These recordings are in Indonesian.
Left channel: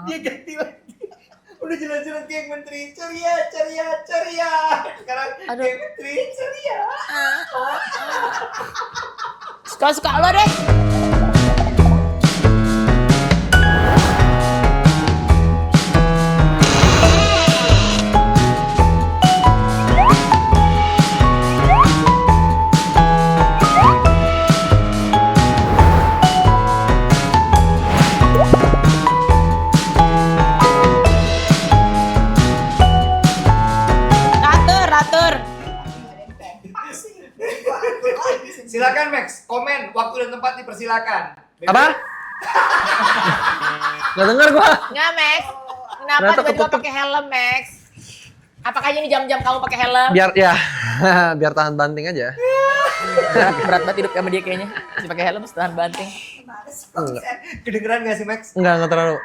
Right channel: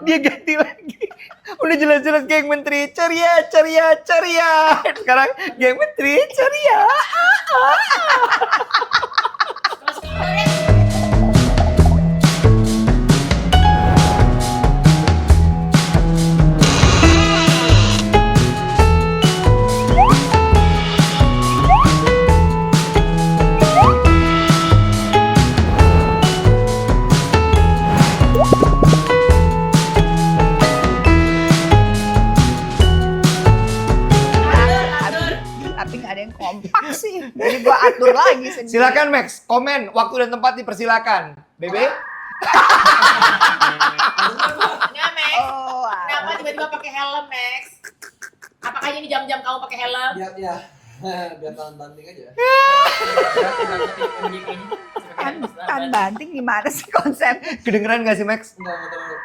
Dia ganti lagi. Udah jelas-jelas geng menteri ceria. Sekarang geng menteri ceria. Suka-suka lo deh. Jadi gua atur lagi sendiri. Silakan Max, komen waktu dan tempat dipersilakan. Bebe? Apa? Gak denger gua. Nggak, Max. Kenapa Ternyata tiba-tiba ketutup. pakai helm, Max? Apakah ini jam-jam kamu pakai helm? Biar tahan banting aja. Berat banget hidup sama dia kayaknya. Masih pakai helm, setelah Kan banting. banting gimana sih konsep? Kedengeran gak sih Max? Enggak terlalu.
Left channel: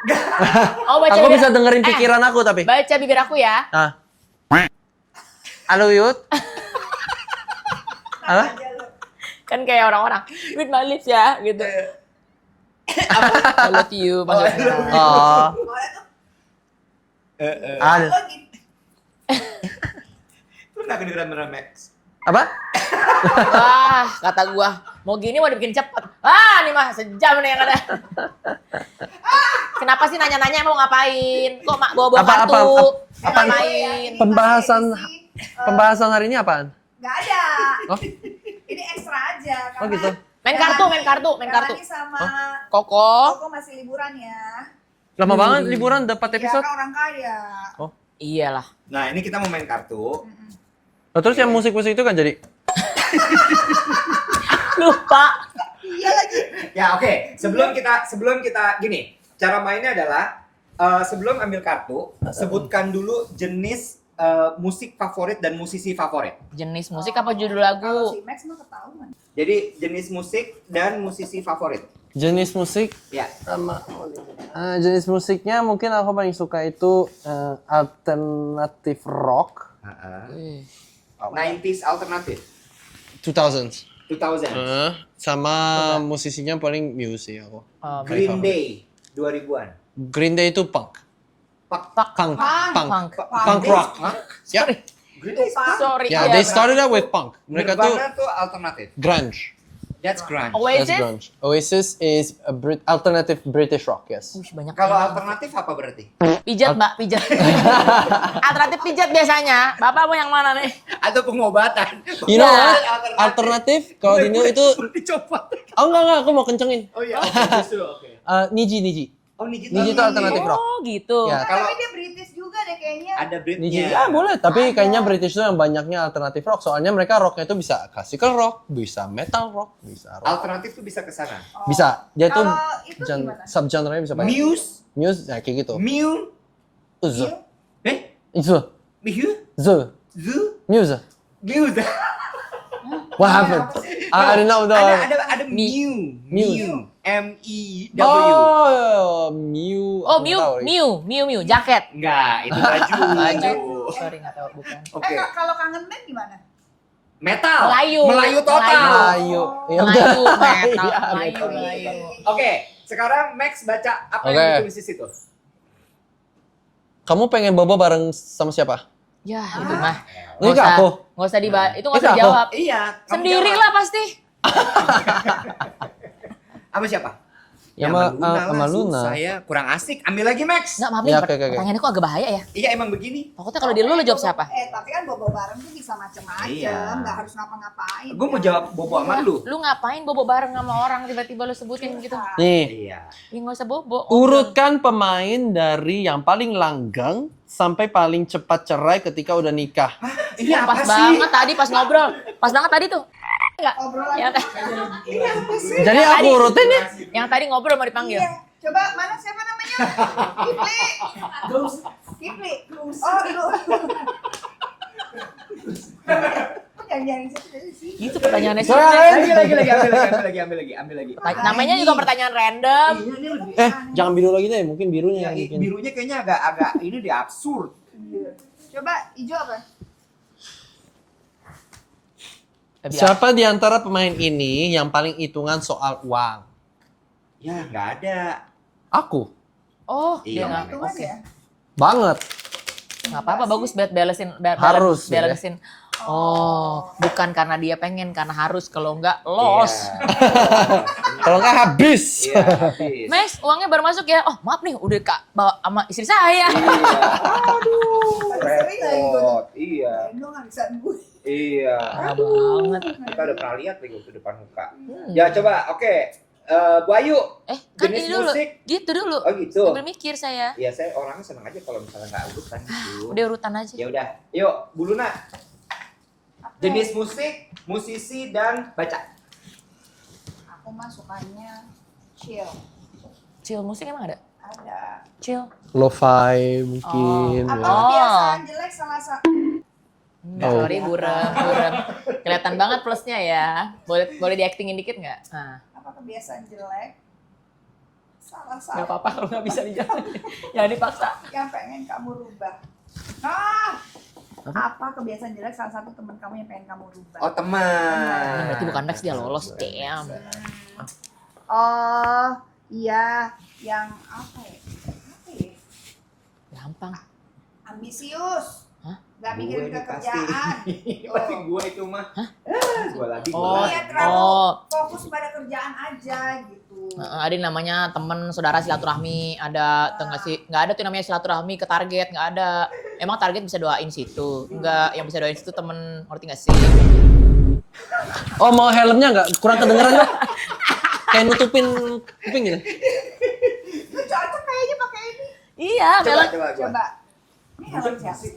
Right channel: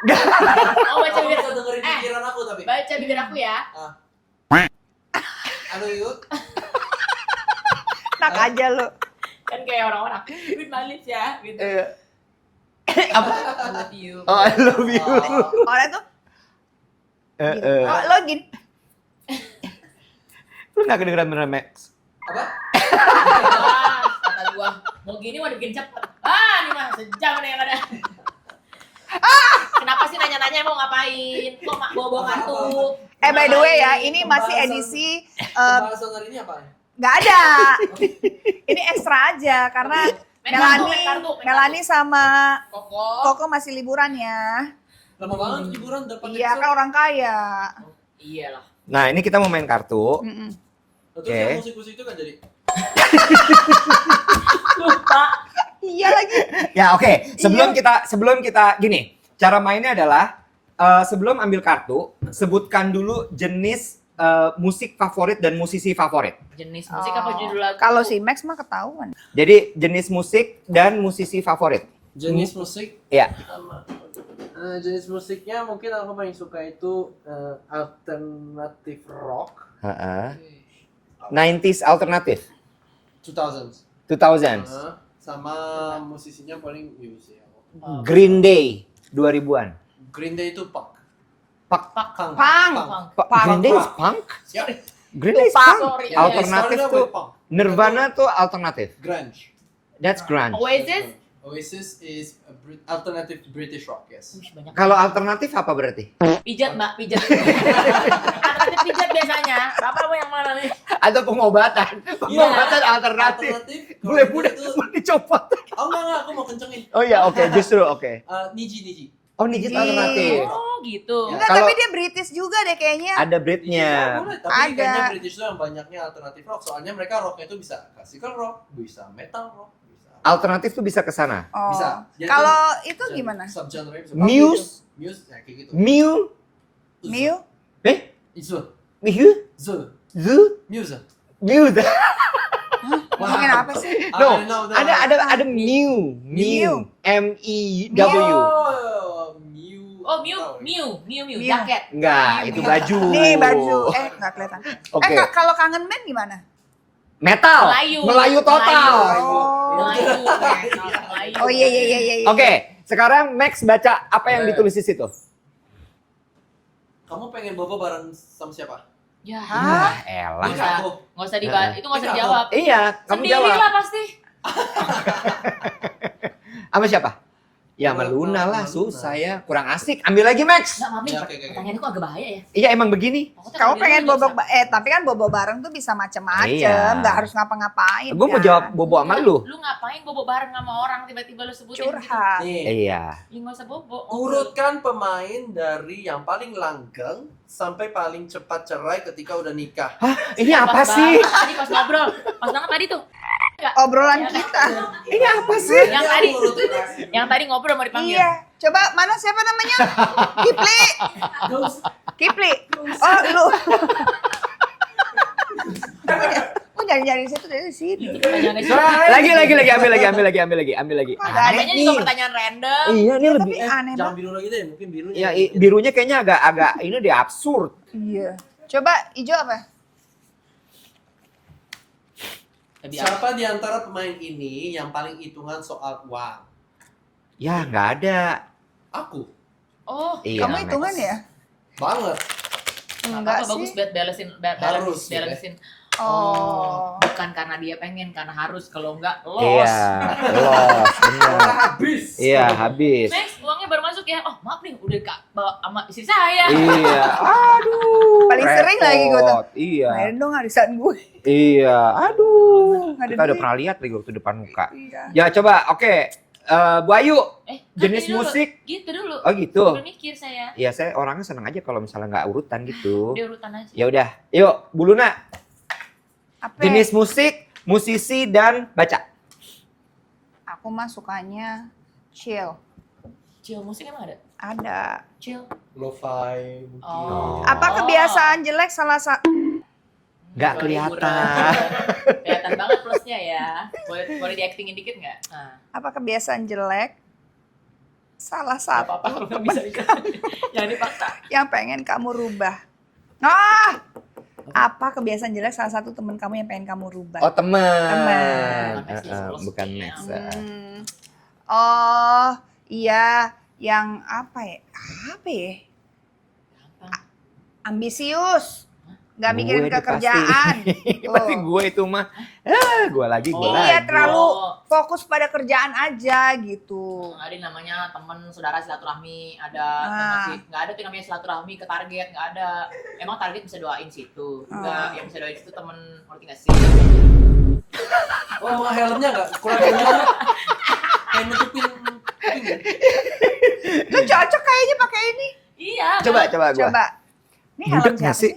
Oh, baca Aku bibir. bisa dengerin pikiran aku tapi. Baca bibir aku ya. Halo Yud. Enak Hah? aja lu. Kan kayak orang-orang. With my lips ya, gitu. I love you. Oh, I love you. Oh. Orang tuh Ah. lo gini. Lu gak kedengeran beneran Max? Apa? Wah, kata gua, mau gini mau dibikin cepet. Ini mah sejam nih yang ada. Kenapa sih nanya-nanya mau ngapain? Kok mak bawa Apa- kartu? By the way ya, ini masih Pembahasan- edisi Pembahasan hari ini apaan? nggak ada. Oh. Ini ekstra aja karena gitu. Main kartu. Melani sama Koko. Koko masih liburan ya. Lama banget liburan dapat Iya episode. kan orang kaya. Iyalah. Nah ini kita mau main kartu. Oh, terus Oke. yang musik-musik itu kan jadi. Lupa. Iya lagi. Ya oke, sebelum kita gini, cara mainnya adalah sebelum ambil kartu, sebutkan dulu jenis musik favorit dan musisi favorit. Jenis musik apa judul lagu? Kalau si Max mah ketahuan. Jadi jenis musik dan musisi favorit. Jenis musik Ya. sama jenis musiknya mungkin aku paling suka itu alternative rock 90s alternatif, 2000s. 2000s. Sama musisinya paling Muse aku. Green Day 2000-an. Green Day itu punk. Punk. Green Day rock. punk? Ya. Green Day Lupa, punk? sorry. Yeah, they Alternatif started out tuh- with punk. Mereka Nirvana tuh tuh alternatif. grunge. That's grunge. That's Oasis? grunge. Oasis is a alternative British rock, yes. Wih, banyak. Kalau alternatif apa berarti? Pijat, Mbak, pijat. Alternatif pijat biasanya. Bapak mau yang mana nih? Atau pengobatan? You know what? Alternatif. Alternatif kalau ini itu Dicopot. oh enggak aku mau kencengin. Oh iya, oke, justru oke. Niji. Oh, Niji Niji itu alternatif rock. Oh, gitu. Ya. Enggak, Kalau- tapi dia British juga deh kayaknya. Ada Niji. Britnya. Ya boleh, tapi Ada. kayaknya British itu yang banyaknya alternatif rock. Soalnya mereka rocknya itu bisa classical rock, bisa metal rock, bisa rock. Alternatif tuh bisa ke sana. Oh. Bisa. Dia tuh Kalau itu gimana? Subgenre-nya bisa banyak. Muse, Muse ya kayak gitu. Mew, New? Itu. Mew, Zu. Zoo, Muse. Mew. What Ngomongin happened? apa sih? I don't know. Ada Mew, Mew. M-E-W. Oh, Mew. Oh, Aku tahu. Miu, jaket. Enggak, ini baju. Nih baju. Nggak kelihatan. Oke. Kalau kangen band gimana? Metal. Melayu. Melayu total. Melayu. Ya udah. Melayu, metal, Melayu. Oh iya. Oke, sekarang Max baca apa yang Oke. ditulis di situ. Kamu pengen bobo bareng sama siapa? Ya, Elah. Ini nggak aku. Nggak usah dibahas. Itu nggak Itu usah apa? dijawab. Iya, kamu Sendiri jawab. lah pasti. Sama siapa? Ya Sama- sama Luna lah, sama Luna. Saya kurang asik. Ambil lagi Max. Enggak, Mami. Ya, oke. Pertanyaannya kok agak bahaya ya? Iya emang begini. Pokoknya Kalau kalau di rumah pengen lu jawab bobo, siapa? tapi kan bobo bareng tuh bisa macem-macem, Iya. nggak harus ngapa-ngapain. Gue mau kan? jawab bobo sama lu. Lu ngapain bobo bareng sama orang tiba-tiba lu sebutin gitu? Curhat. Nih, Iya. Ya nggak usah bobo. urutkan pemain dari yang paling langgeng sampai paling cepat cerai ketika udah nikah. Ini apa Pas sih? banget tadi pas ngobrol. Pas banget tadi tuh. Obrolan Ya, kita. Ini apa sih? Jadi aku urutin ya. Yang tadi ngobrol mau dipanggil. Iya. Coba mana siapa namanya? Kipli. Kipli. Oh lu. Kok nyari-nyari situ dari situ? Itu pertanyaannya sih. Lagi, ambil lagi. Namanya juga pertanyaan random. Iya, ini lebih tapi aneh jangan biru lagi deh, mungkin birunya. Ya, yang bikin. birunya kayaknya agak ini deh absurd. Iya. Coba hijau apa? Tapi Siapa di antara pemain ini yang paling hitungan soal uang? Ya nggak ada. Aku. Oh, Iya, Kamu Max. hitungan ya? Banget. Nggak Enggak apa-apa, sih. bagus buat balancein. Harus, ya. balancein. Oh, bukan karena dia pengen, karena harus. Kalau enggak, Iya. loss. Loss. Kalau nggak habis. Iya, habis. Max, uangnya baru masuk ya. Oh, maaf nih, udah Kak bawa sama istri saya. Iya. Aduh. Paling sering lagi gue tuh. Iya. Main dong arisan gue. Iya. Aduh. Kita udah pernah lihat nih waktu depan muka. Ya coba, oke. Bu Ayu, jenis Gitu dulu. musik. Gitu dulu. Oh gitu. Sambil mikir saya. Ya saya orangnya seneng aja kalau misalnya nggak urutan gitu. Udah urutan aja. Ya udah, yuk Bu Luna. Apa? Jenis musik, musisi dan baca. Aku mah sukanya chill. Chill musik emang ada? Ada. Chill. Lo-fi mungkin. Apa Oh. kebiasaan jelek salah satu? Nggak Kalau kelihatan. liburan. Kelihatan banget plusnya ya. Boleh di-actingin dikit nggak? Nah. Apa kebiasaan jelek salah Gak satu apa-apa kalau nggak bisa juga. Jangan dipaksa. yang pengen kamu rubah? Ah! Apa kebiasaan jelek salah satu teman kamu yang pengen kamu rubah? Oh teman. Teman. Berarti bukan Max, dia lolos. Bukan Damn. Max. Oh, iya, yang apa ya? Apa ya? Gampang. Ambisius. Hah? Gak mikirin Gue deh kerjaan. pasti. Pasti Tuh. gue itu mah. Gue lagi. Oh. Iya, lagi. terlalu Oh. fokus pada kerjaan aja gitu. Ada yang namanya temen saudara silaturahmi, ada nggak ada tuh namanya silaturahmi ke target, nggak ada. Emang target bisa doain situ, nggak yang bisa doain situ temen, ngerti nggak sih? Oh, mau helmnya nggak? Kurang kedengeran loh. Kayak nutupin kuping ya? Lu cocok kayaknya pakai ini. Iya. Coba Bella. coba gue. Coba. Ini helm Budek siapa nggak sih? sih?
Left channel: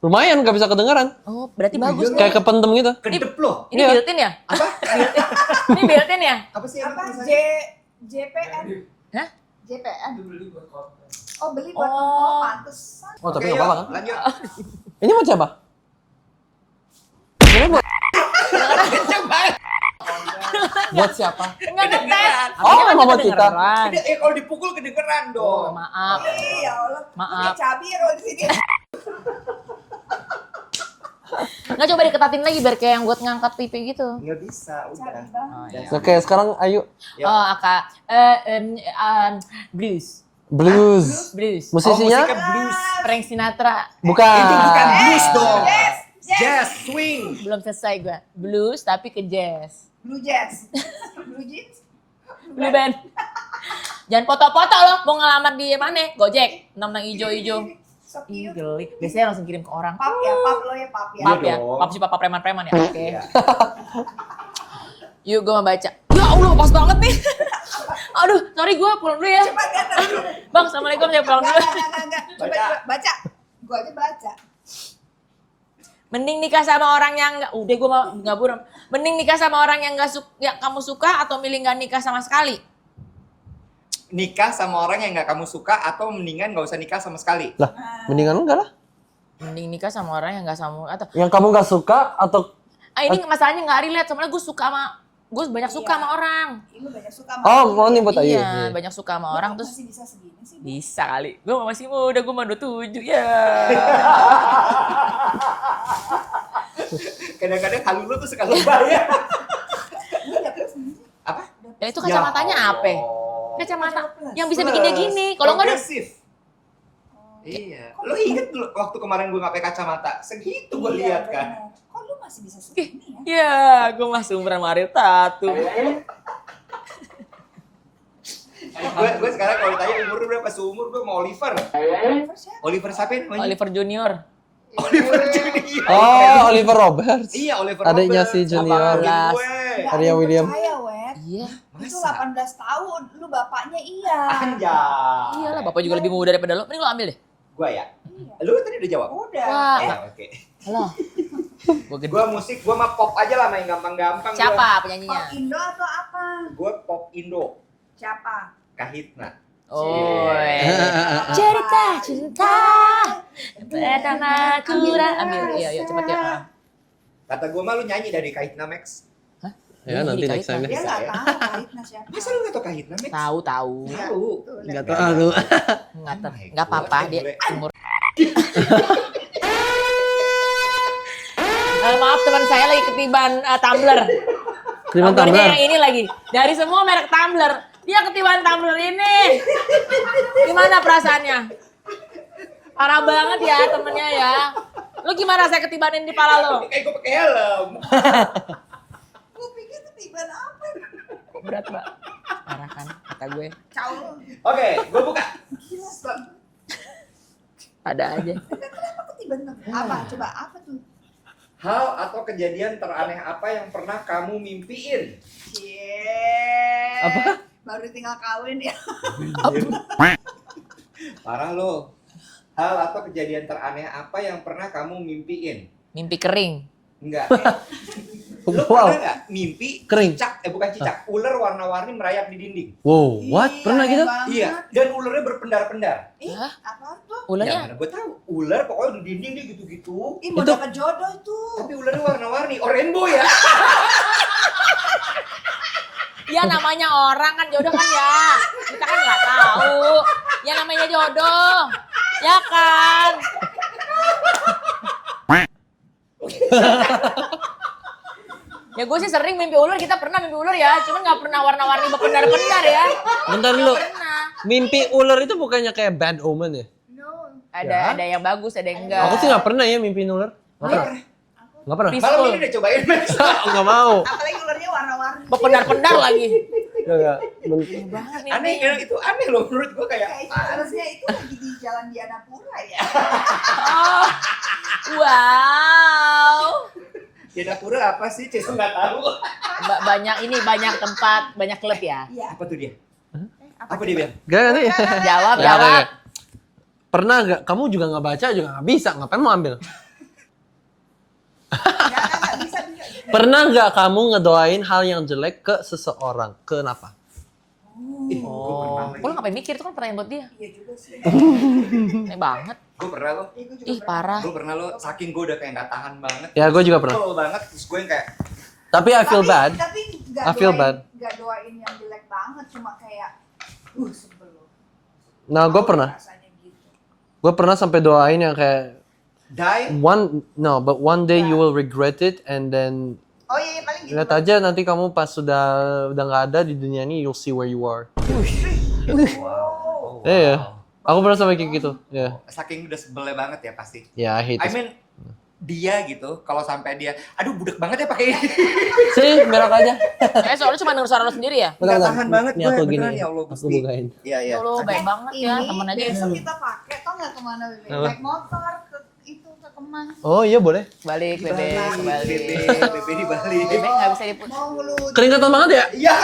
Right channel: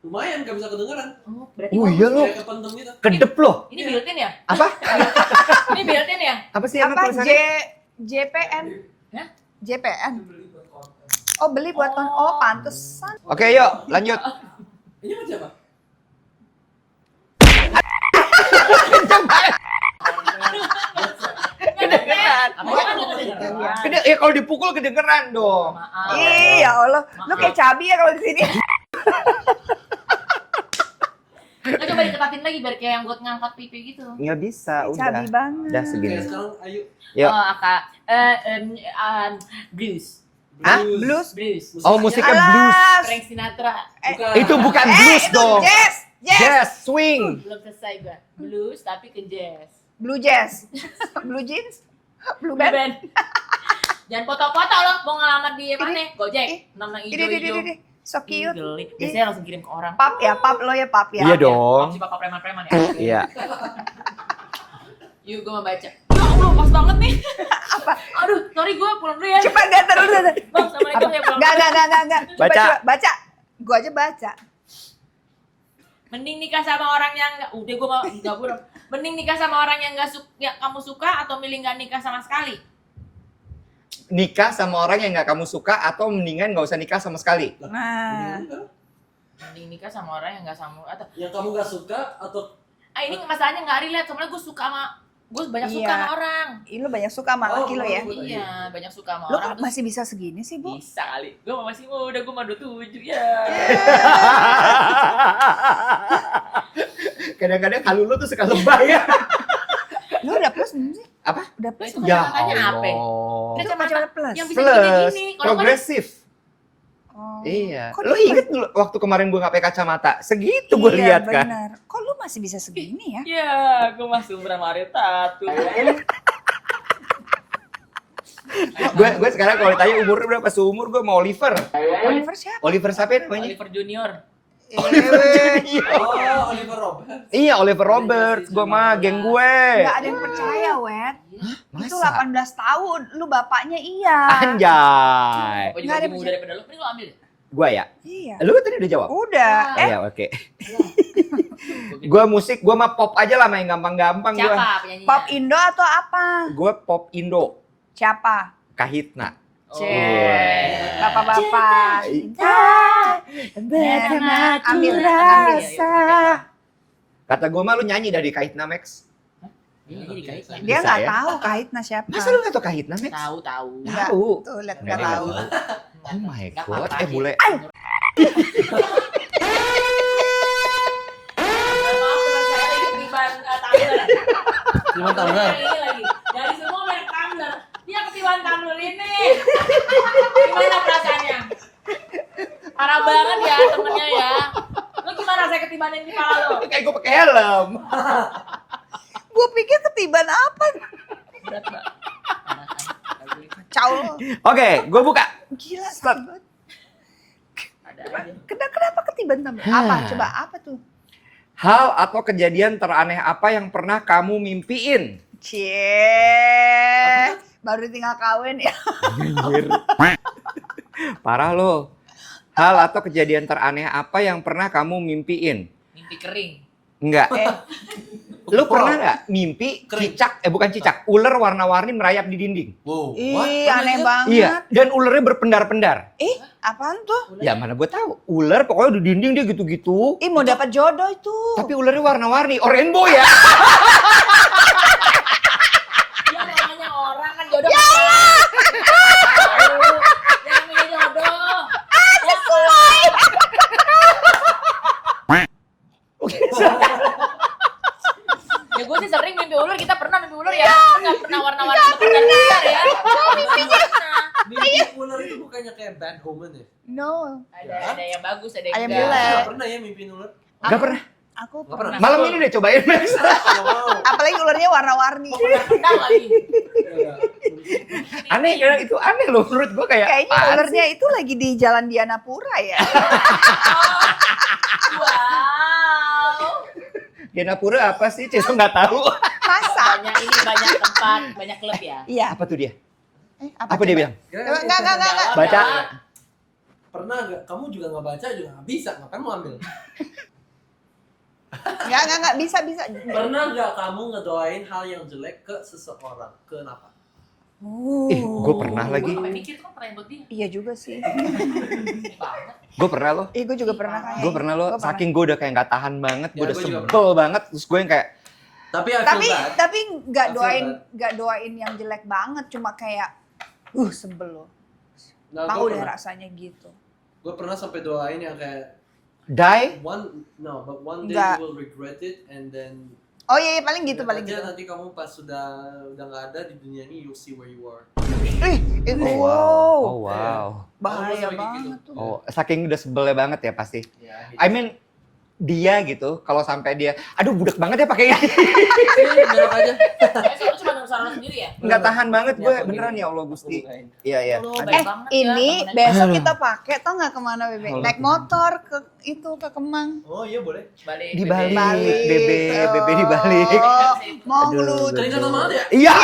Lumayan, nggak bisa kedengeran. Oh, berarti Oh, bagus. iya, Kayak kepentem gitu. Kedep loh. Ini Iya. built-in ya? Apa? Ini built-in ya? Apa sih emang Apa tulisannya? JPN? Hah? JPN. Oh, beli buat Oh. pantesan. Oh, Oke tapi nggak yuk apa-apa. lanjut. Ini mau siapa? Buat siapa? Nggak denger. Oh, Kan Mama kita Cita. dengeran. Gede, ya kalau dipukul kedengeran dong. Maaf. Iya, Allah. Lu Maaf. kayak cabi ya kalau di sini. Nggak, coba diketatin lagi biar kayak yang buat ngangkat pipi gitu. Nggak bisa, Cabi udah. banget. Udah, Oke, sekarang ayo. Yuk. Oh, Kak. Blues. Blues. blues? Blues. musiknya Musisinya blues. Frank Sinatra. bukan. Itu bukan blues Itu dong. jazz. Jazz. Jazz, swing. Belum selesai gua. Blues tapi ke jazz. Blue jazz. Blue jeans. Blue Blue band. band. Jangan foto-foto loh, mau ngelamar di mana? Gojek, nang Ini, hijau-hijau. ini. So cute. Gelik. Biasanya langsung kirim ke orang. Pap ya, pap lo ya, pap ya. Iya Pap ya? dong. Pap si papa preman-preman ya. Oke. Iya. Yuk gue mau baca. Ya Allah, pas banget nih. Apa? Aduh, sorry gue pulang dulu ya. Cepat deh, terus. Bang, assalamualaikum ya pulang dulu. Enggak. Coba, Baca. coba, baca. Gua aja baca. Mending nikah sama orang yang enggak. Udah gue mau enggak buruk. Mending nikah sama orang yang enggak yang kamu suka atau milih enggak nikah sama sekali? Nikah sama orang yang nggak kamu suka atau mendingan nggak usah nikah sama sekali. Lah, Nah. mendingan enggak lah. Mending nikah sama orang yang enggak sama atau Yang kamu nggak suka atau ini masalahnya enggak relate, soalnya gue suka sama gue banyak suka Iya. sama orang. Ih, lu banyak suka sama Oh, laki mau lu ya? nyebut aja. Iya, banyak suka sama Lu orang kok terus masih bisa segini sih, Bu? bisa kali. Gue masih muda, gue mah 27 ya. Kadang-kadang halu lu tuh suka lebay ya. Lu udah plus belum sih? Apa? Udah Nah, plus. itu kacamatanya apa? Allah. Kacamata plus. yang bisa bikin kayak gini. Kalau enggak Progresif. Oh. Iya. Kok Lu dia- inget dulu waktu kemarin gua nggak pakai kacamata? Segitu gua Iya, lihat kan. benar. Kok lu masih bisa segini ya? ya, gue masih umuran Mario Tatu. Gue sekarang kalau tanya umurnya berapa, seumur gue sama Oliver. Oliver siapa? Oliver siapa ya namanya? Oliver Junior. Oliver Junior. Oh, Oliver Roberts. Iya, Oliver Adiknya Roberts. si Gua sama Junior. geng gue. Nggak ada Arya yang William. percaya, Wet. Iya. Itu Masa? 18 tahun. Lu bapaknya iya. Anjay. Papa juga Nggak lebih ada- muda daripada lo. Mending lo ambil deh. Gua ya. Iya. Lu tadi udah jawab. Udah. Wah. Iya, oke. Halo. Gua musik, gua mah pop aja lah, main gampang-gampang gua. Siapa penyanyinya? Pop Indo atau apa? Gue pop Indo, Siapa? Kahitna. Oh. Bapak-bapak. cinta bersama Ambil Iya, iya, coba rasa. kayak, Kata gue mah lu nyanyi dari Kahitna Max. Ya, nanti Ini next time. Dia Bisa nggak ya? tahu Kahitna siapa. Masa lu gak tau Kahitna Max? Tahu. Tahu. Tuh, lihat Nggak dia. tahu. Enggak apa-apa. God, dia boleh. umur- maaf teman saya lagi ketiban tumbler. Terima Tumblernya kasih. yang ini lagi. Dari semua merek tumbler, Dia ketiban tumbler ini. Gimana perasaannya? Parah banget ya temennya ya. Lu gimana rasanya ketibanin di pala lu? Kayak gue pakai helm. Gue pikir ketiban apa? Berat, Mbak. Parah kan kata gue. Kacau. Oke, gue buka. Gila. Start. Ada aja. Kenapa ketiban tumbler? Apa? Coba apa tuh? Hal atau kejadian teraneh apa yang pernah kamu mimpiin? Cie. Baru tinggal kawin ya. Parah lo. Hal atau kejadian teraneh apa yang pernah kamu mimpiin? Mimpi kering. Enggak. Lo pernah nggak mimpi cicak, bukan cicak, ular warna-warni merayap di dinding? Wow, what? Ih, Pernah aneh gitu? banget. Iya, dan ularnya berpendar-pendar. Hah? Apaan tuh? Ya Ularnya mana gue tahu. Ular pokoknya di dinding dia gitu-gitu. Ih, mau dapat jodoh itu. Tapi ularnya warna-warni, rainbow ya. ya namanya orang kan jodoh kan ya. Tahu. Ya namanya jodoh. Ya kan. Ya gue sih sering mimpi ular, kita pernah mimpi ular ya, cuma nggak pernah warna-warni berpendar-pendar ya. Bentar dulu. Pernah. Mimpi ular itu bukannya kayak bad omen ya? No. Ada yang bagus, ada yang Ada yang enggak. Aku sih nggak pernah ya mimpi ular. Enggak pernah. Aku Nggak pernah. Bisa. Malam ini udah cobain, Max. Nggak mau. apalagi ularnya warna-warni. Berpendar-pendar lagi. Nggak. Aneh ya, itu aneh loh menurut gue kayak. Kayaknya apaan ularnya itu lagi di Jalan Dianapura ya. Oh. Wow. sih? Dianapura apa sih? Cuma nggak tahu. Masa? Banyak ini, banyak tempat, banyak klub ya. Iya. Apa tuh dia? Apa Apa dia coba? bilang? Gak ngerti. Jawab, Baca, jawab. baca. Pernah gak? Kamu juga nggak baca juga nggak bisa. Ngapain mau ambil? Enggak, bisa. Pernah gak kamu ngedoain hal yang jelek ke seseorang? Kenapa? Gue pernah lagi. Gue ngapain mikir, itu kan pertanyaan buat dia. Iya juga sih. Aneh banget. Gue pernah loh. Gue juga Ih, pernah. parah. Gue pernah loh. Gua pernah. Saking gue udah kayak nggak tahan banget. Ya, udah gua juga pernah. sebel banget. Terus gue yang kayak, Tapi I feel bad. Tapi I feel bad. nggak doain yang jelek banget, cuma kayak sebel loh. Nah, gue Tahu pernah. ya rasanya gitu. Gue pernah sampai doain yang kayak die. one day you Nggak. will regret it and then Oh iya, paling gitu. lihat aja nanti kamu pas sudah nggak ada di dunia ini you'll see where you are. Wow. Iya. Aku pernah Bahaya sampai kayak banget gitu. tuh. Ya, Saking udah sebelnya banget ya pasti. ya I hate I it. mean, dia gitu, kalau sampai dia, aduh budak banget ya pakai ini. Sih, merok aja. Soalnya cuma denger suara lo sendiri ya. Nggak tahan banget Ini gue, aku beneran gini, ya Allah aku Gusti. bukain. Iya, iya. Lu baik banget ya. Ini temen aja. besok kita pakai, tau nggak kemana Bebe? Halo. Naik motor ke Kemang. Oh iya boleh. Balik, Di Bebe. Bali, Bebe, Oh. Bebe di Bali. Bebe nggak bisa diputus. Mau Aduh. meluncur. Keringatan banget ya? Iya,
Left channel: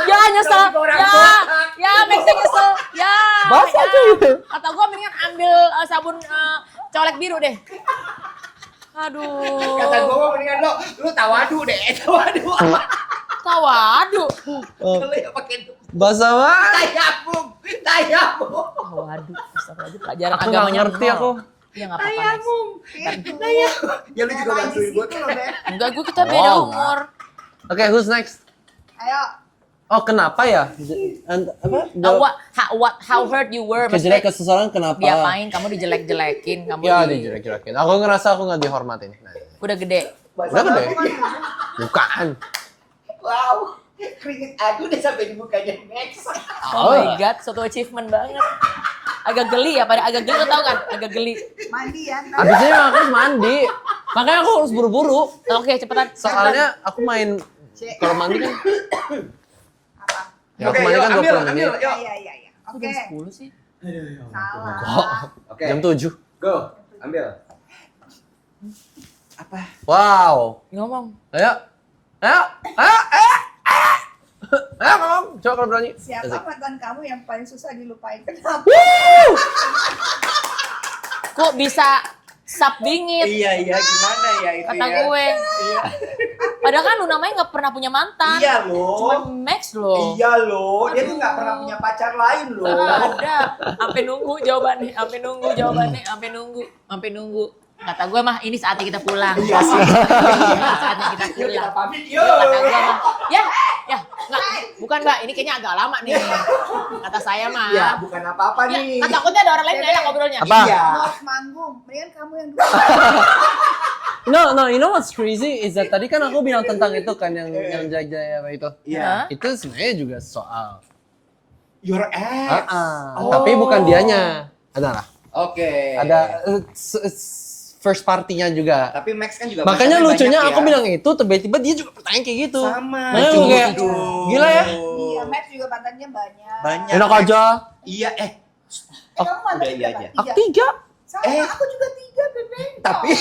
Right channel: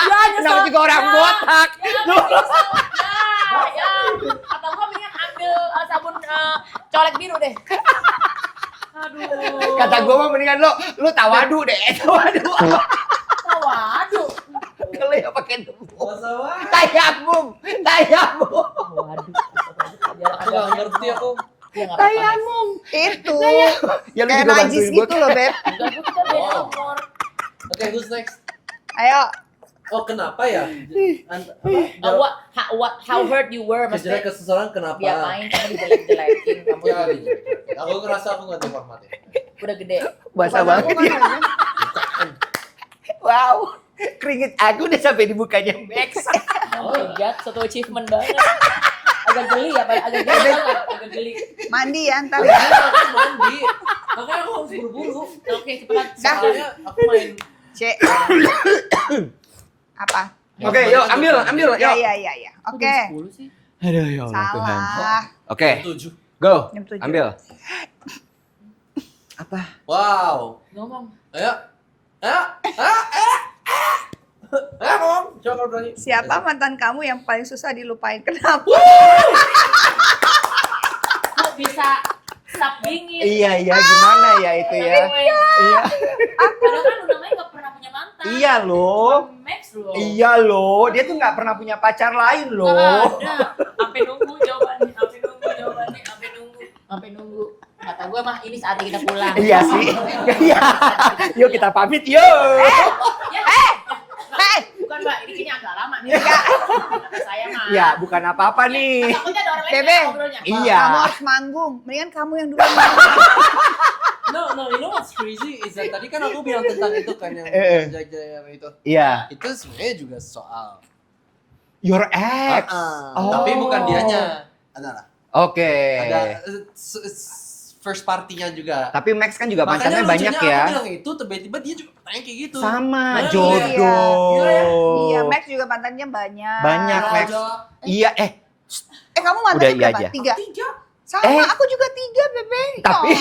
Ya nyesel. namanya juga orang Ya. botak. Ya bisa nyesel. Ya. Basah ya. tuh. Atau gua mendingan ambil sabun colek biru deh. Aduh. Kata gue mah mendingan lo tawadu deh, tawadu. Waduh. Kalau ya pakai Basah banget. tayamum, tayamum. Waduh. Pelajaran Aku agama nggak ngerti aku. Ya nggak apa-apa. Next. Tayamum. Itu. Ya lu Kayak juga najis bantuin gue. gitu loh, Beb. Enggak, gua kita beda Wow. umur. Oke, who's next? Ayo. Oh, kenapa ya? How hurt you were. Kejelek ke Maksudnya seseorang kenapa? diapain kamu dijelek-jelekin, kamu Ya, dijelek-jelekin. Aku ngerasa aku nggak dihormatin. Nah, udah gede. Basah banget. bukan. Wow, keringet aku udah sampai di mukanya Max. Oh my god, suatu achievement banget. Agak geli ya, Pak. Agak geli tau kan? Agak geli. Mandi ya ntar. Abisnya aku harus mandi. Makanya aku harus buru-buru. Oke, cepetan. Soalnya aku main Cek. mandi. Apa? Ya, Oke, kemarin yuk kan ambil, 20 ambil. menit. Ya. Oke. 10 sih. Aduh, ya Allah Tuhan. Salah. Oke, Jam 7. Go. Jam 7. ambil. Wow. Ngomong. Ayo. Ayo. Ayo. Ayo. Ayo ngomong. Coba kalau berani. Siapa mantan kamu yang paling susah dilupain? Kenapa? Kok bisa sap bingit? Iya, gimana ya itu Kata ya? gue. Iya. Padahal kan lu namanya nggak pernah punya mantan. Iya Cuma loh. Max loh. Iya loh, dia tuh nggak pernah punya pacar lain loh. Ada. Sampai nunggu jawabannya, sampai nunggu. Kata gue mah ini saatnya kita pulang. Iya sih. Yuk kita pamit yuk. Ya, nggak, bukan Mbak, ini kayaknya agak lama nih. Kata saya mah. Ya bukan apa-apa Ya, nih. kan takutnya ada orang lain Bebe. yang ngobrolnya. Iya. Kamu harus manggung. Mendingan kamu yang dulu. No, you know what's crazy is that tadi kan aku bilang tentang itu kan yang jaya itu. Iya. Itu sebenarnya juga soal. Your ex. Tapi bukan dianya. Ada lah. Oke. Ada first partinya juga. Tapi Max kan juga Makanya pacarnya lucunya banyak ya. aku bilang itu, tiba-tiba dia juga pertanyaan kayak gitu. Sama. Nah, Jodoh. kayak, gila ya. Iya, Max juga mantannya banyak. Banyak. Enak Max. aja. Iya, Kamu udah mantannya iya berapa? aja. 3? 3. Sama, aku juga 3, Bebe. Tapi Oh.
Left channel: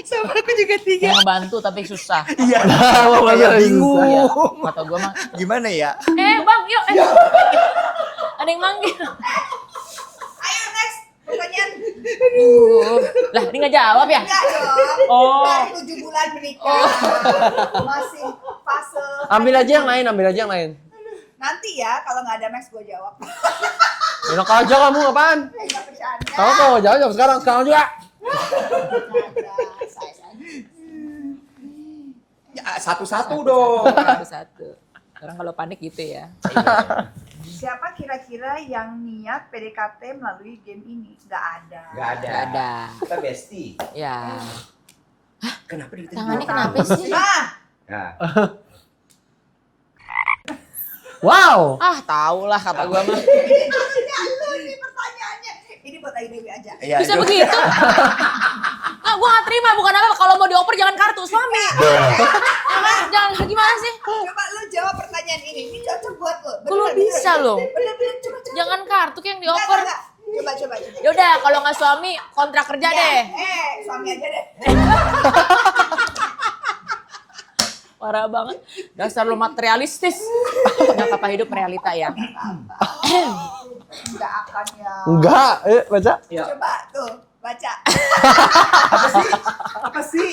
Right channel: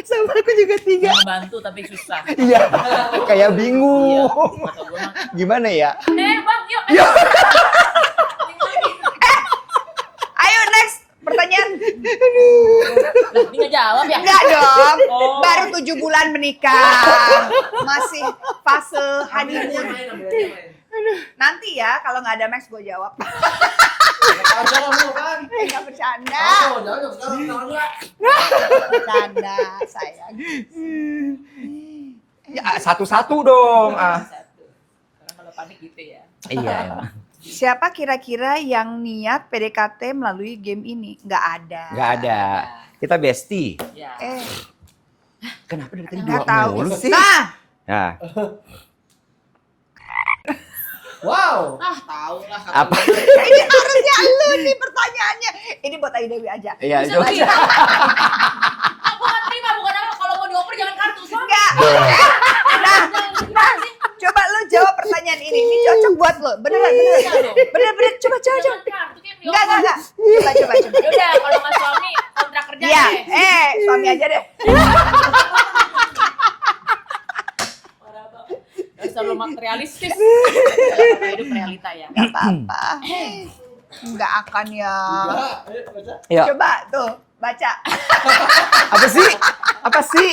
sama aku juga 3. Yang bantu tapi susah. Iya. Kayak bingung. Kata gue mah, Gimana ya? bang yuk. Ada yang manggil. Ayo next pertanyaan. Lah, ini nggak jawab ya? Enggak dong. Oh. Baru 7 bulan menikah. Masih fase. Ambil aja yang lain. Nanti ya, kalau nggak ada Max gue jawab. Enak aja kamu apaan? Enggak bercanda. Kamu mau jawab sekarang juga. Bercanda, sayang. Ya, satu-satu dong. Satu. Orang kalau panik gitu ya. Iya. Siapa kira-kira yang niat PDKT melalui game ini? Nggak ada. Nggak ada. Ada. Kita bestie. Ya. Kenapa dari tadi Nggak gitu tahu. mulu sih? Nah, Ya. Wow. Ah, tau lah kata Apa? gue. ini harusnya lu nih pertanyaannya. Ini buat Ayu Dewi aja. Iya, Bisa begitu. Ah, gue gak terima. Bukan apa, kalau mau dioper jangan kartu. Suami. Jangan gimana sih? Coba lu jawab pertanyaan ini. Ini cocok buat lu. Bener, Kok bisa lo? Bener, coba. Jangan kartu kayak yang Enggak, dioper. enggak. Coba. Yaudah, kalau nggak suami, kontrak kerja Iya, deh. suami aja deh. Parah banget. Dasar lo materialistis. Ya, apa hidup realita ya. Enggak apa-apa. Enggak akan ya. Enggak, baca. Ya. Coba tuh, baca. Apa sih? Apa sih?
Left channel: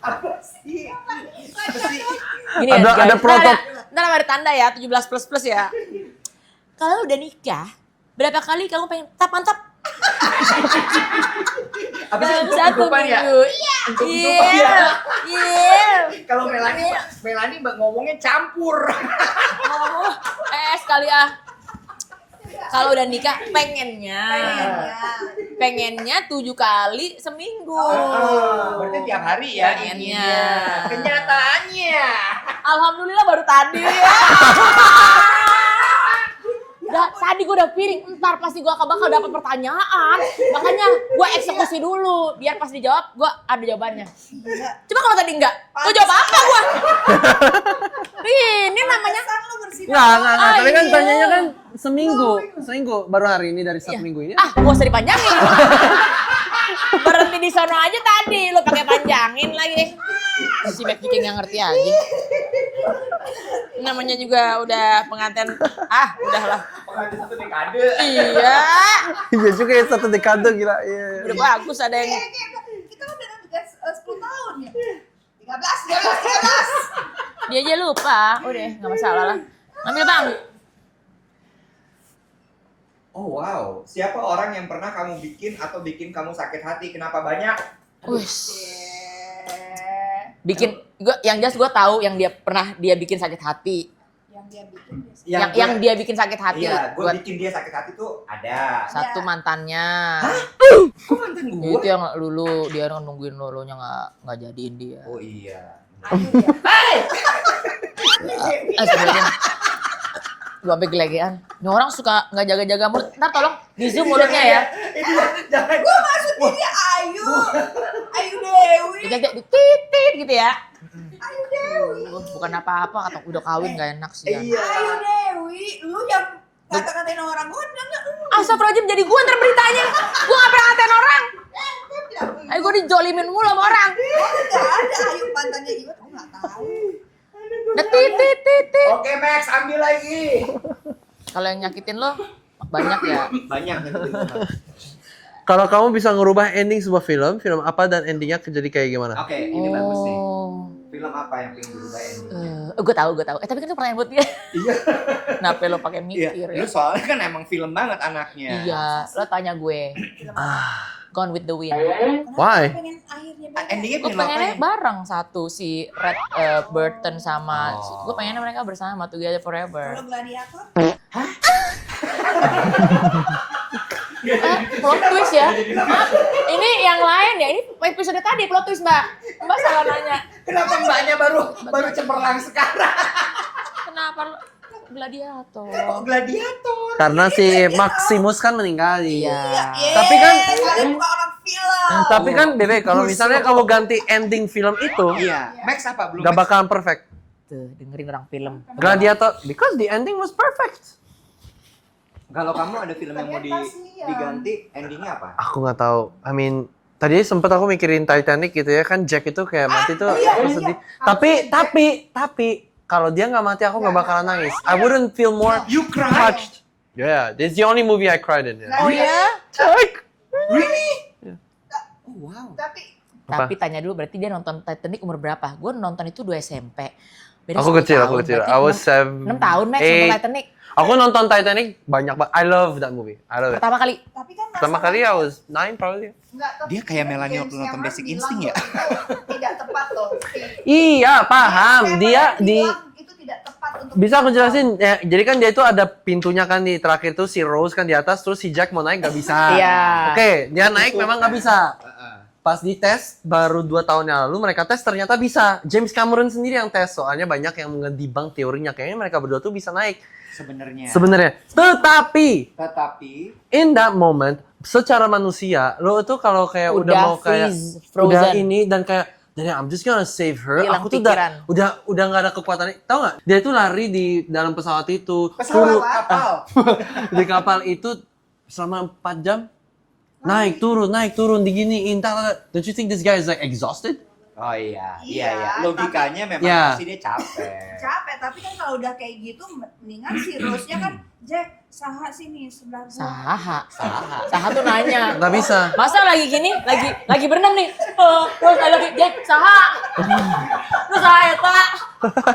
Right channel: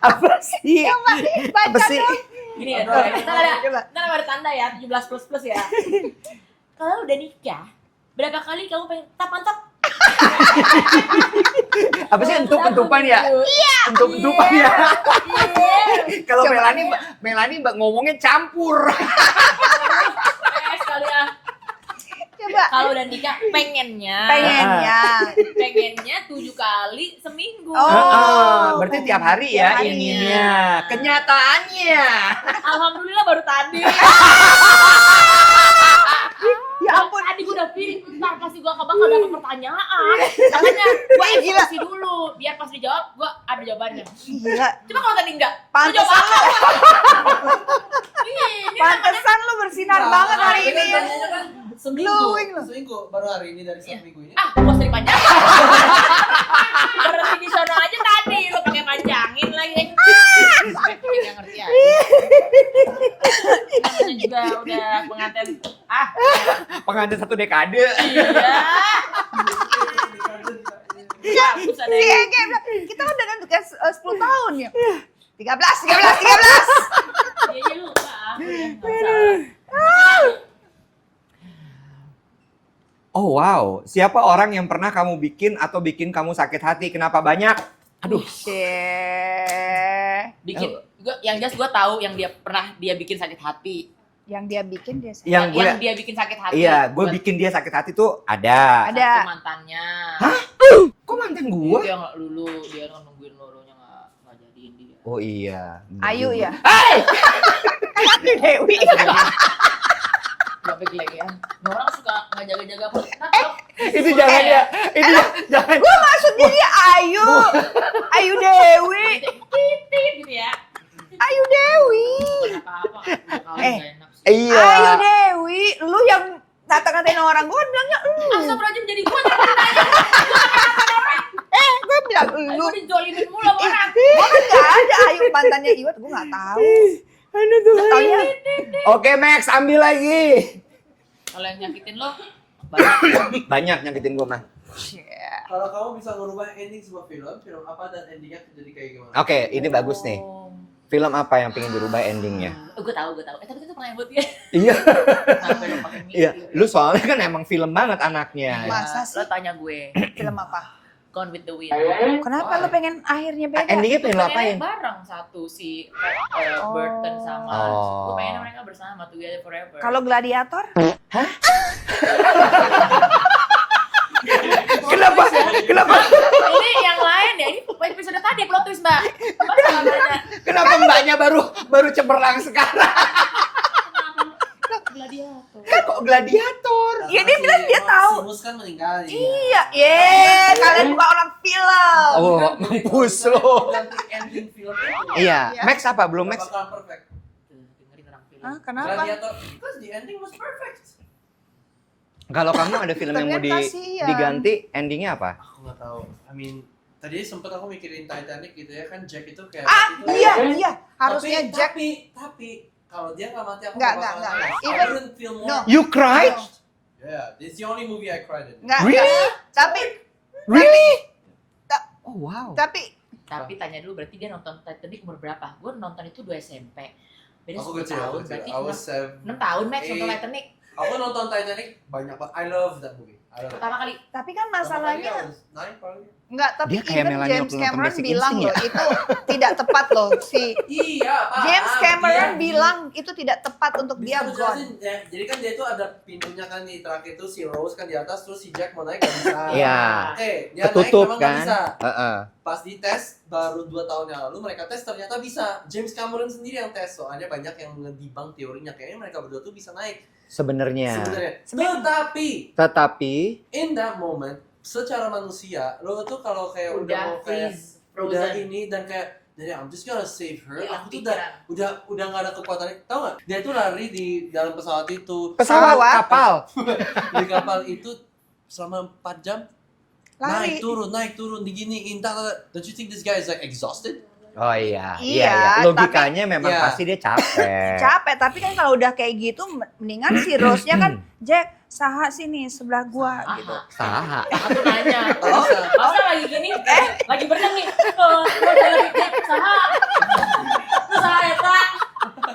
Apa sih? Coba, baca Apa sih? dong. Gini Ada ya, protop. Ntar ada tanda ya, 17++ ya. Kalau udah nikah, berapa kali kamu pengen mantap? Apa sih untuk-untupan ya? Iya. Untuk-untupan ya? Iya. Kalau Coba. Melani ngomongnya campur. Sekali ah. Coba. Kalau udah nikah, pengennya 7 kali seminggu. Oh. Berarti tiap hari ya Iya. ininya. Kenyataannya. Alhamdulillah baru tadi. Ya ampun. Tadi gue udah piring, ntar pasti gue bakal dapet pertanyaan. Makanya gue eksekusi dulu, biar pas dijawab gue ada jawabannya. Gila. Coba kalau tadi enggak, gue Pantesan jawab apa lo. gue? Ini namanya Pantesan lu bersinar Nah, banget. tapi kan Iya. tanyanya kan seminggu. Glowing lo. Seminggu baru hari ini dari satu minggu ini. ah, gue usah dipanjangin. Berhenti di sana aja tadi, lu pakai panjangin lagi. Si Beb Kicing yang ngerti aja. Namanya juga udah pengantin. Udahlah. Pengantin 1 dekade. Iya. Iya juga ya, 1 dekade gila. Iya. Bagus ada Iya, yang. kayak bilang, kita kan udah nentukan 10 tahun ya. 13. Dia aja lupa. Udah, nggak masalah lah. Ambil bang. Oh wow, siapa orang yang pernah kamu bikin atau bikin kamu sakit hati? Kenapa banyak? Aduh. Bikin, yang jelas gue tahu yang dia pernah dia bikin sakit hati. Yang dia bikin dia sih. Yang Yang dia bikin sakit hati. Iya, gue buat bikin dia sakit hati tuh ada. Ada. satu mantannya. Kok mantan gue? Itu yang dulu dia kan nungguin lulunya nggak jadiin dia. Oh iya. Ayu ya. Dewi. Belum sampai gelegean. Nah, orang suka nggak jaga-jaga mulut. Ntar tolong di zoom Itu mulutnya jangan ya. Itu jangan. Gua maksudnya dia Ayu. Ayu Dewi. Kayak titit gitu ya. Ayu Dewi. Bukan apa-apa, kata udah kawin nggak enak sih. Iya. Ayu Dewi. Lu yang ngata-ngatain orang, gua kan bilangnya lu. Astagfirullahaladzim, jadi gue ntar beritanya. Gue nggak pernah ngatain orang. Gua bilang Ayo lu. gue dijolimin mulu sama orang. Gua kan nggak ada Ayu mantannya Iwat, gua nggak tahu. Titit. Oke Max, ambil lagi. Kalau yang nyakitin lo banyak ya. Banyak nyakitin gue Max. Kalau kamu bisa ngerubah ending sebuah film apa dan endingnya jadi kayak gimana? Oke, ini bagus nih. Film apa yang pengen dirubah endingnya? Gue tahu. Tapi kan itu pertanyaan buat dia. Iya. Kenapa lo pakai Iya. mikir Lu ya? soalnya kan emang film banget anaknya. Masa Iya, sih? lo tanya gue. Film apa? Gone with the Wind. Kenapa Why? lu pengen akhirnya beda? Endingnya Gue film apa pengennya yang? bareng satu si Red Burton sama. Oh. Gue pengennya mereka bersama together forever. Kalau gladiator? Plot twist ya. Kenapa? Ini yang lain ya, ini episode tadi plot twist Mbak. Mbak salah nanya. Kenapa mbaknya baru cemerlang sekarang? Kenapa gladiator? Kok gladiator? Karena si dia Maximus kan meninggal Iya, Tapi kan kalian bukan orang film. tapi kan Oh, Bebe kalau bagus. misalnya kamu ganti ending film itu Iya. Max apa belum? nggak Max? bakalan perfect. Tuh, dengerin orang film. Kenapa? Gladiator because the ending was perfect. Kalau kamu ada film yang mau Tapi kan kasihan. diganti, endingnya apa? Aku nggak tahu. I mean tadi sempet aku mikirin Titanic gitu ya kan Jack itu kayak mati tuh. iya, aku iya. sedih. Harusnya Jack- Tapi kalau dia nggak mati aku Nggak, nggak bakalan nggak. nangis. Iya. I wouldn't feel more You cried? touched. Yeah, this is the only movie I cried in. Nggak, ya. Really? Oh wow. Tapi Apa? Tapi tanya dulu berarti dia nonton Titanic umur berapa? Gue nonton itu 2 SMP. Beda Aku 10 kecil, tahun, aku kecil. berarti I was 6 tahun Max nonton 8. Titanic. Aku nonton Titanic banyak banget. I love that movie. I love it. Pertama kali. kan Pertama kali I masalahnya was 9 probably. enggak, tapi Dia kayak even Melanie James waktu nonton Cameron Basic bilang Instinct loh itu tidak tepat loh. Si Iya, James paham. Cameron Dia di bilang itu tidak tepat untuk bisa aku dibuang. jelasin ya, jadi kan dia itu ada pintunya kan di terakhir tuh si Rose kan di atas terus si Jack mau naik gak bisa. Iya. Oke, dia naik Ketutup, memang gak kan? bisa. Heeh. Pas di tes baru 2 tahun yang lalu mereka tes ternyata bisa. James Cameron sendiri yang tes soalnya banyak yang ngedibang teorinya kayaknya mereka berdua tuh bisa naik Sebenarnya. Tetapi in that moment secara manusia lo tuh kalau kayak udah mau kayak udah frozen. ini dan kayak dan I'm just gonna save her. Hilang Aku tuh pikiran. udah nggak ada kekuatan. Tahu nggak? Dia tuh lari di dalam pesawat itu. Pesawat Pesawat. kapal. Di kapal itu selama 4 jam. Lari. Naik turun diginiin. Don't you think this guy is like exhausted? Oh iya. Iya, Logikanya memang Iya. pasti dia capek. Capek, tapi kan kalau udah kayak gitu mendingan si Rose-nya kan Jack, saha sini sebelah gua. Saha. Salah. Saha tuh nanya. Nggak bisa. Masa lagi gini, lagi berenang nih. Oh, saya lagi Jack, saha. Lu saha eta.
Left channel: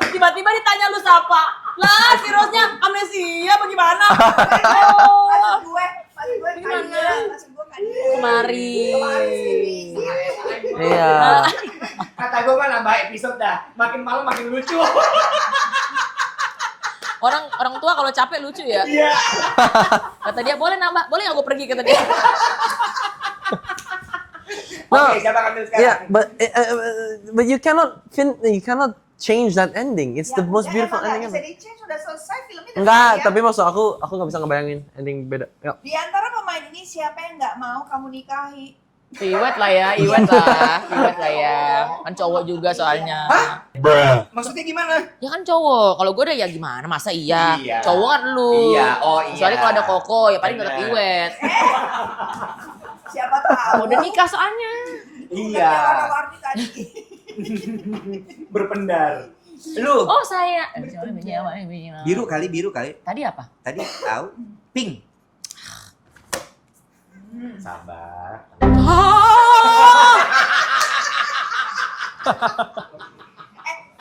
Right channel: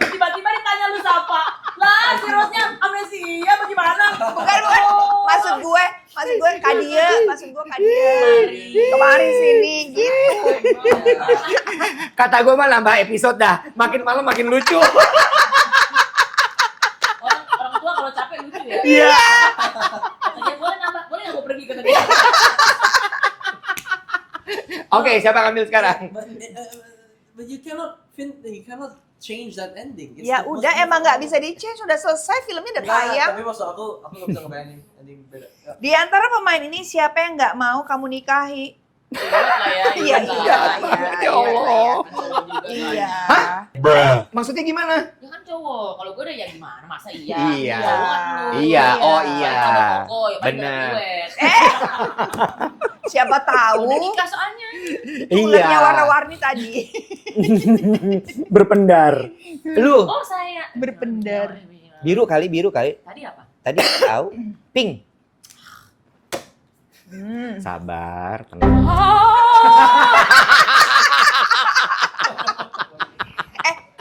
Tiba-tiba ditanya lu siapa? Lah, si Rose-nya amnesia bagaimana? Maksud gue kadia, Kemari. kemarin sini gitu. Iya. Kata gue mah nambah episode dah. Makin malam makin lucu. Orang tua kalau capek lucu ya. Iya. Kata dia boleh nambah, boleh nggak gue pergi kata dia. Oke, siapa yang ambil sekarang? Yeah, but you cannot change that ending. It's Ya the most udah beautiful emang nggak ending. bisa di-change, udah selesai filmnya udah Enggak, ya. tapi maksud aku nggak bisa ngebayangin ending beda. Yuk. Di antara pemain ini siapa yang nggak mau kamu nikahi? Iwet lah ya, Iwet lah. Iwet lah ya. Kan cowok juga soalnya. Maksudnya gimana? Ya kan cowok, kalau gue udah ya gimana, masa iya? Iya. Cowok kan lu. Iya, oh iya. Soalnya kalau ada Koko, ya paling ada Bener. Iwet. Siapa tahu? Udah nikah soalnya. Bulannya warna-warni tadi. Berpendar. Lu Oh saya. Berpendar. biru kali. Tadi apa? Tadi tahu pink. Sabar, tenang.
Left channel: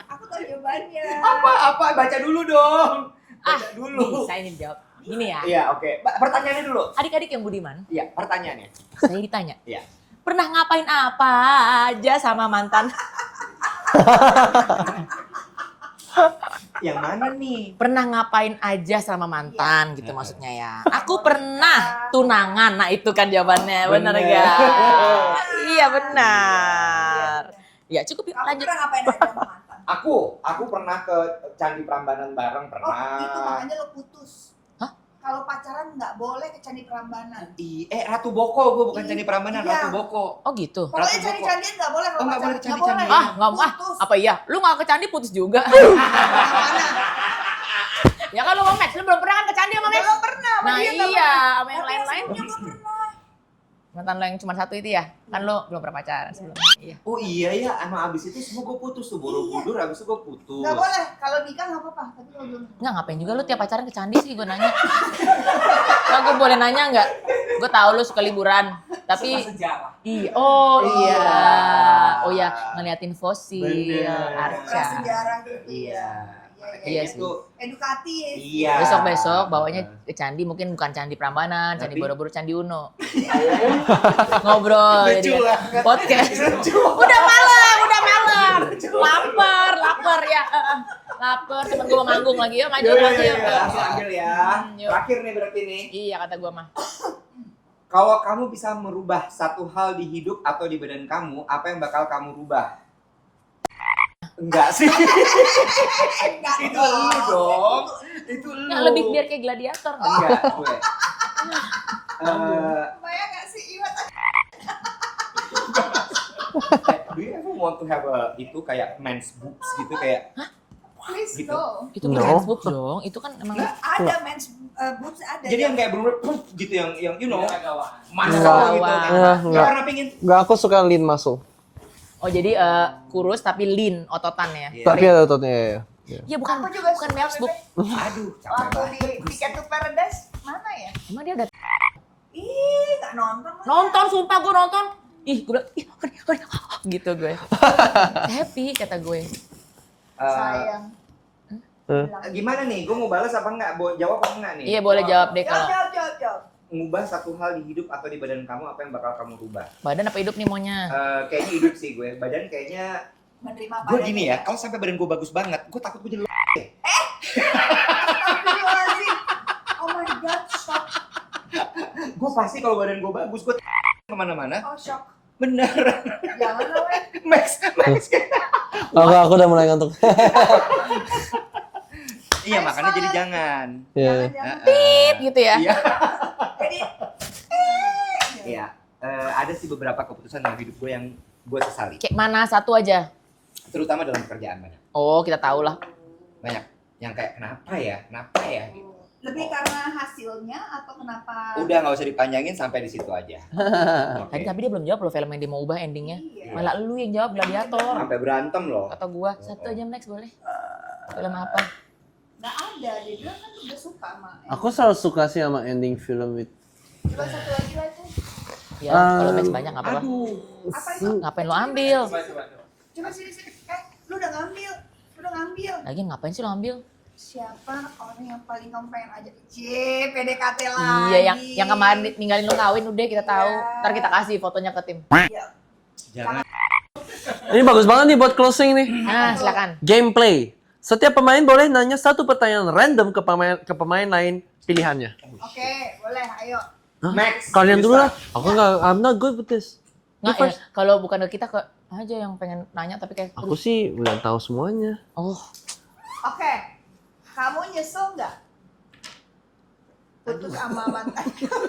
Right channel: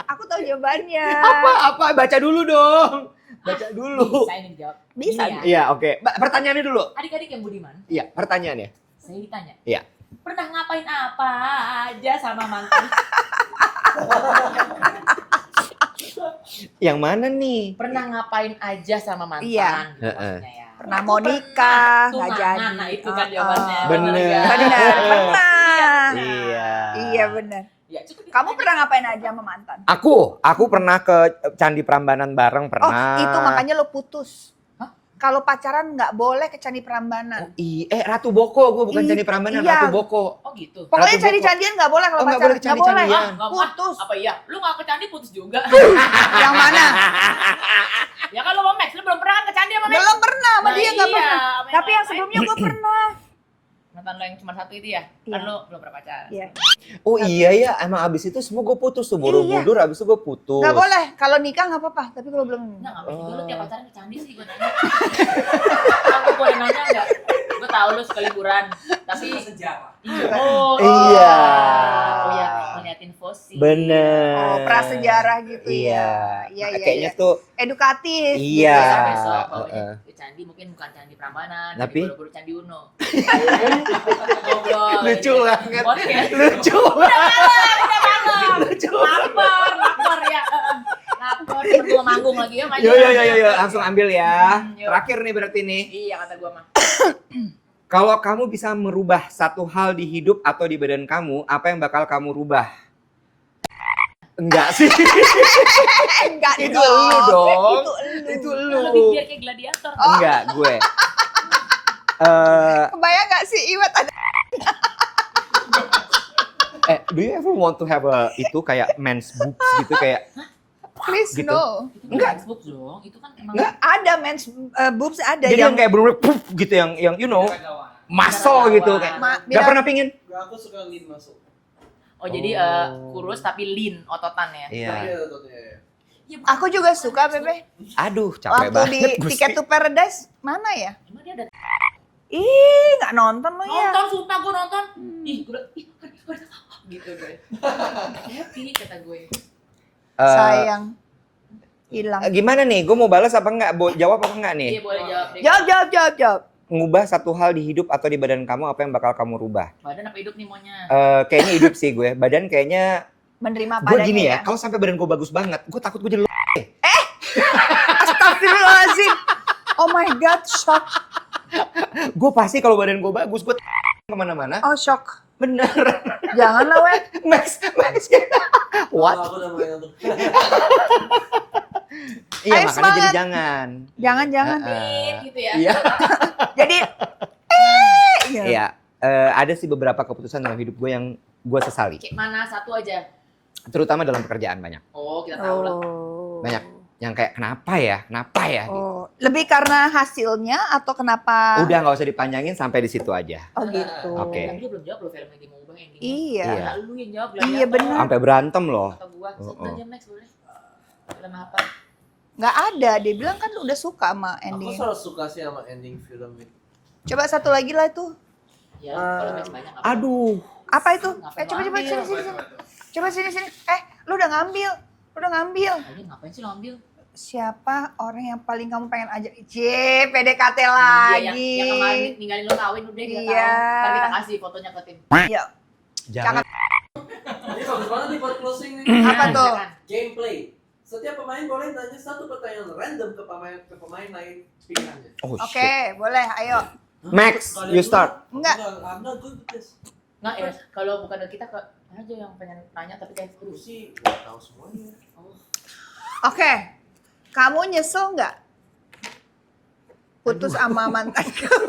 Aku tahu jawabannya. Apa? Baca dulu dong. Baca dulu. Bisa ini dijawab. Bisa. ya. Iya, oke. Pertanyaannya dulu. Adik-adik yang budiman, Iya, pertanyaannya. saya ditanya. Iya. Pernah ngapain apa aja sama mantan? Yang mana nih? Pernah ngapain aja sama mantan Iya. gitu maksudnya ya. Aku Mau pernah, nikah, tunangan. nggak Nah, itu kan jawabannya. Bener. Bener ya. Benar. Iya benar. Iya benar. Ya cukup itu Kamu aja. pernah ngapain aja sama mantan? Aku pernah ke Candi Prambanan bareng Oh, pernah. itu makanya lo putus. Hah? Kalau pacaran nggak boleh ke Candi Prambanan. Ratu Boko, gue bukan Candi Prambanan, Iya. Ratu Boko. Oh gitu. Pokoknya Ratu candi-candian nggak boleh kalau Oh, nggak pacaran. boleh ke candi-candian. Ah, nggak mau. Putus. Apa iya? Lu nggak ke candi putus juga? Yang mana? Ya kalau mau Max, lu belum pernah kan ke candi sama Max? Belum pernah sama Nah, dia nggak iya, pernah. sama Tapi yang lain-lain. sebelumnya gue pernah. Mantan lo yang cuma satu itu ya? Kan Iya. lo belum pernah pacaran Iya. sebelumnya. Iya. Oh iya ya, emang abis itu semua gue putus tuh, borobudur abis itu gue putus. Nggak boleh. Kalau nikah nggak apa-apa. Tapi kalau belum. Nggak, ngapain juga lu tiap pacaran ke candi sih gue nanya. Kan gue boleh nanya nggak? Gue tahu lu suka liburan, tapi Oh Iya. Oh ya, ngeliatin fosil. Bener. Oh, prasejarah gitu Iya. ya. Iya. Kayaknya Iya. tuh Edukatif. iya. Besok-besok bawanya ke candi, mungkin bukan candi Prambanan, candi Tapi? Borobudur, candi Uno. Ngobrol. Lucu jadi banget. Podcast. Lucu. Udah malam. Lapar ya. Lapar, kita gua manggung lagi ya, main. Iya, langsung ambil ya. Yuk. Terakhir nih berarti nih. Iya kata gua mah. Kalau kamu bisa merubah satu hal di hidup atau di badan kamu, apa yang bakal kamu rubah? Enggak sih. Enggak Itu lu dong. Itu Itu lu. Yang lebih biar kayak gladiator. Enggak, gue. Kebayang gak sih Iwet ada Do you ever want to have itu kayak men's boobs gitu kayak please Gitu. no. Itu No. kan boobs dong. Itu kan emang Nggak ada men's boobs ada jadi yang kayak bener-bener puff gitu yang you know muscle gitu kayak. Enggak, Nggak pernah pingin. Enggak, aku suka lean muscle. Oh jadi kurus tapi lean ototan ya. Iya. Tapi ada ototnya ya. Ya bukan. Aku juga bukan suka Facebook. Bebe. Aduh, capek Waktu banget. di Ticket to Paradise mana ya? Emang dia ada Ih, nggak nonton lo ya. nonton, sumpah gue nonton. Ih, gue bilang, ih, gitu gue. Happy kata gue. Sayang. Hilang. Gimana nih? Gue mau balas apa enggak? Jawab apa enggak nih? Iya boleh jawab deh. Jawab. Ngubah satu hal di hidup atau di badan kamu, apa yang bakal kamu rubah? Badan apa hidup nih maunya? Kayaknya hidup sih gue. Badan kayaknya Menerima gue padanya gini ya. Kalau sampai badan gue bagus banget, gue takut gue jadi Astagfirullahaladzim. Oh my god, shock. gue pasti kalau badan gue bagus, gue kemana-mana. Oh, shock. Bener. Jangan lah, weh. Max. Enggak, aku udah mulai ngantuk. Iya, Ayo, makanya semangat. jadi jangan. Jangan-jangan Iya. tit gitu ya. Iya. Jadi gitu. Iya. Ada sih beberapa keputusan dalam hidup gue yang gue sesali. Kayak mana satu aja? Terutama dalam pekerjaan banyak. Oh kita tahu lah. Oh. Banyak. Yang kayak kenapa ya? Kenapa ya? Gitu. Oh, lebih karena hasilnya atau kenapa? Udah nggak usah dipanjangin sampai di situ aja. Oh, gitu. Oke. Tapi dia belum jawab loh film yang dia mau ubah endingnya. Iya. Lah lu yang jawab Iya, gladiator. bener. Sampai berantem loh. Atau gua satu Oh. aja Max boleh. Film apa? Nggak ada, dia bilang kan udah suka sama Aku ending. selalu suka sih sama ending film itu. Coba satu lagi lah tuh. Ya kalau Max banyak nggak apa-apa. Aduh. Apa itu? Ngapain lu Coba, ambil? Coba sini. Lu udah ngambil. Lagi ngapain sih lo ambil? Siapa orang yang paling kamu pengen ajak? PDKT lagi. Iya yang kemarin ninggalin lo kawin udah kita Iya. tahu. Ntar kita kasih fotonya ke tim. Iya. Jangan. Ini bagus banget nih buat closing nih. Apa Nah, tuh? silakan. Gameplay. Setiap pemain boleh nanya satu pertanyaan random ke pemain lain pilihannya. Oh, Oke, shit. boleh. Ayo. Max, Kalian you dulu lah. start. Aku nggak, I'm not good with this. Nggak ya, kalau bukan ke kita ke aja yang pengen nanya tapi kayak Aku sih udah tahu semuanya. oh Oke. Kamu nyesel nggak? Putus sama mantan kamu?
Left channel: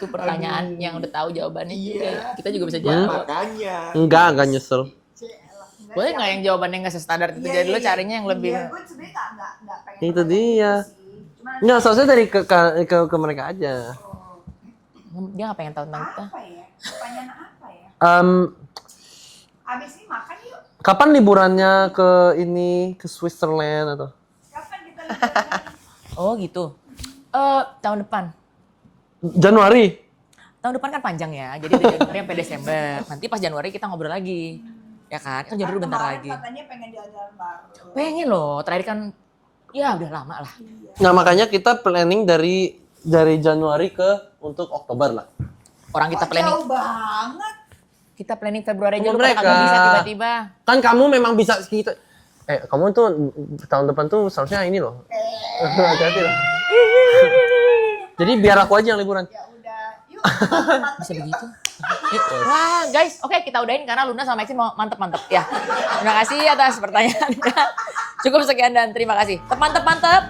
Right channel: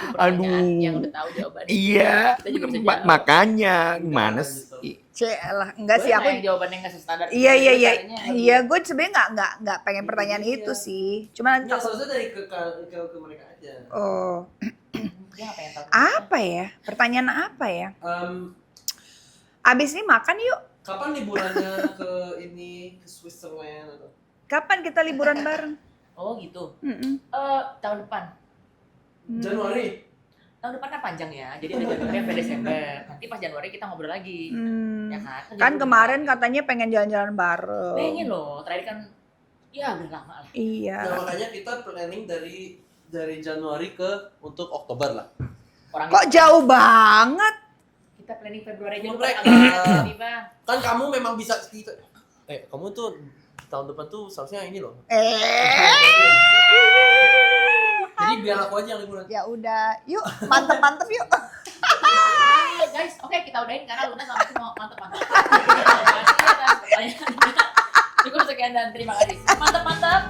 itu pertanyaan yang udah tahu jawabannya. Iya. Kita juga bisa jawab. Makanya. Enggak Gimana nyesel. sih? Lah, enggak Gue sih nggak aku. yang jawabannya nggak sestandar itu. Iya, Lu carinya yang lebih. Iya, gue sebenarnya nggak pengen Itu pertanyaan dia. itu sih. Cuma Enggak, seharusnya dari ke mereka aja. oh, Dia nggak pengen tahu. apa ya? Pertanyaan apa ya? Abis ini makan yuk. Kapan liburannya ke Switzerland atau? Kapan kita liburan bareng? Oh gitu. Mm-mm. Tahun depan. Januari. Tahun depan kan panjang ya. Jadi dari Januari sampai Desember. Nanti pas Januari kita ngobrol lagi. Ya kan? Kan Januari kemarin bentar lagi. katanya pengen jalan-jalan bareng. pengen loh. Terakhir kan ya udah lama lah. Iya. Nah, makanya kita planning dari Januari untuk Oktober lah. Orang Kok kita jauh banget? kita planning Februari aja lu Mereka. pada kaget tiba-tiba. Kan kamu memang bisa kita kamu tuh tahun depan tuh seharusnya ini loh. Hati-hati loh. Jadi biar aku aja yang liburan. Ya udah, yuk mantep-mantep yuk. Nah, guys, oke kita udahin karena Luna sama Maxi mau mantep-mantep ya. Terima kasih atas pertanyaannya. Cukup sekian dan terima kasih. Mantep-mantep.